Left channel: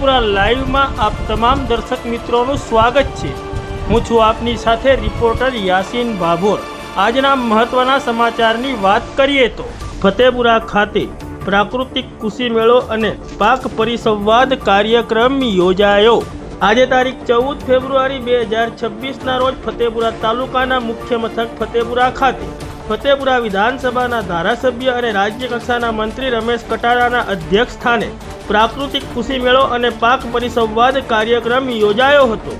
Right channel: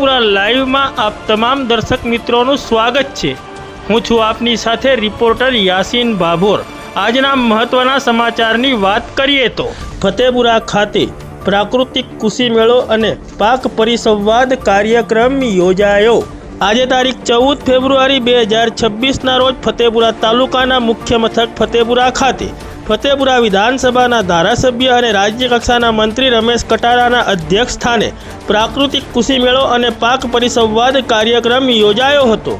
ફતેપુરા લાઈવમાં આપ તમામ દર્શક મિત્રોનું સ્વાગત છે। હું છું આપની સાથે રિપોર્ટર યાસીન ભાભોર। આજના મહત્વના સમાચારની વાત કરીએ તો ફતેપુરા ખાતે પ્રાકૃતિક કૃષિ મેળો અને પાક પરિસંવાદ કાર્યક્રમ યોજાયો। આજે તારીખ 14 ફેબ્રુઆરી 2026ના રોજ ફતેપુરા તાલુકાના મુખ્ય મથક ફતેપુરા ખાતે ફતેપુરા વિધાનસભાના ધારાસભ્ય અને રાજ્ય કક્ષાના મંત્રી રમેશ કટારાના અધ્યક્ષ સ્થાને પ્રાકૃતિક કૃષિ મેળો અને પાક પરિસંવાદ કાર્યક્રમ યોજાયો હતો।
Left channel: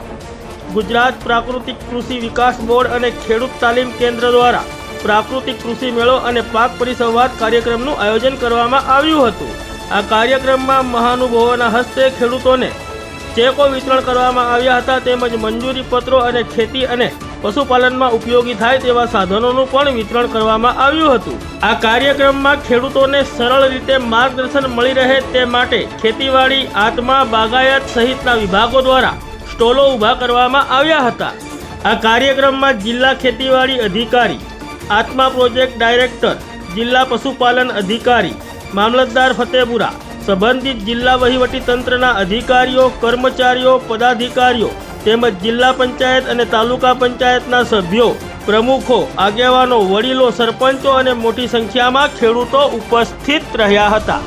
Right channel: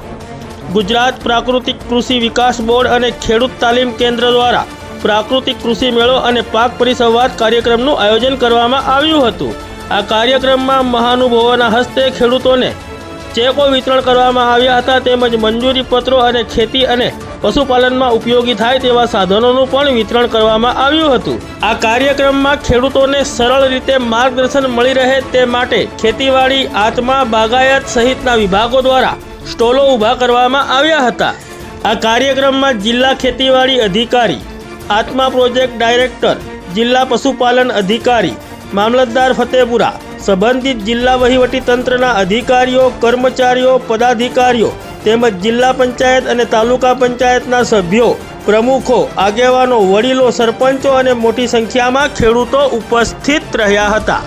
ગુજરાત પ્રાકૃતિક કૃષિ વિકાસ બોર્ડ અને ખેડૂત તાલીમ કેન્દ્ર દ્વારા પ્રાકૃતિક કૃષિ મેળો અને પાક પરિસંવાદ કાર્યક્રમનું આયોજન કરવામાં આવ્યું હતું। આ કાર્યક્રમમાં મહાનુભાવોના હસ્તે ખેડૂતોને ચેકો વિતરણ કરવામાં આવ્યા હતા, તેમજ મંજૂરી પત્રો અને ખેતી અને પશુપાલનમાં ઉપયોગી થાય તેવા સાધનોનું પણ વિતરણ કરવામાં આવ્યું હતું। આ કાર્યક્રમમાં ખેડૂતોને સરળ રીતે માર્ગદર્શન મળી રહે તે માટે ખેતીવાડી, આત્મા, બાગાયત સહિતના વિભાગો દ્વારા સ્ટોલો ઊભા કરવામાં આવ્યા હતા। આ કાર્યક્રમમાં જિલ્લા ખેતીવાડી અધિકારી, આત્મા પ્રોજેક્ટ ડાયરેક્ટર, જિલ્લા પશુપાલન અધિકારી, મામલતદાર ફતેપુરા, સંબંધિત જિલ્લા વહીવટી તંત્રના અધિકારીઓ, કર્મચારીઓ, પદાધિકારીઓ તેમજ જિલ્લા પંચાયત અને તાલુકા પંચાયતના સભ્યો, પ્રમુખો, આગેવાનો, વડીલો, સરપંચો અને મોટી સંખ્યામાં ખેડૂતો ઉપસ્થિત રહ્યા હતા।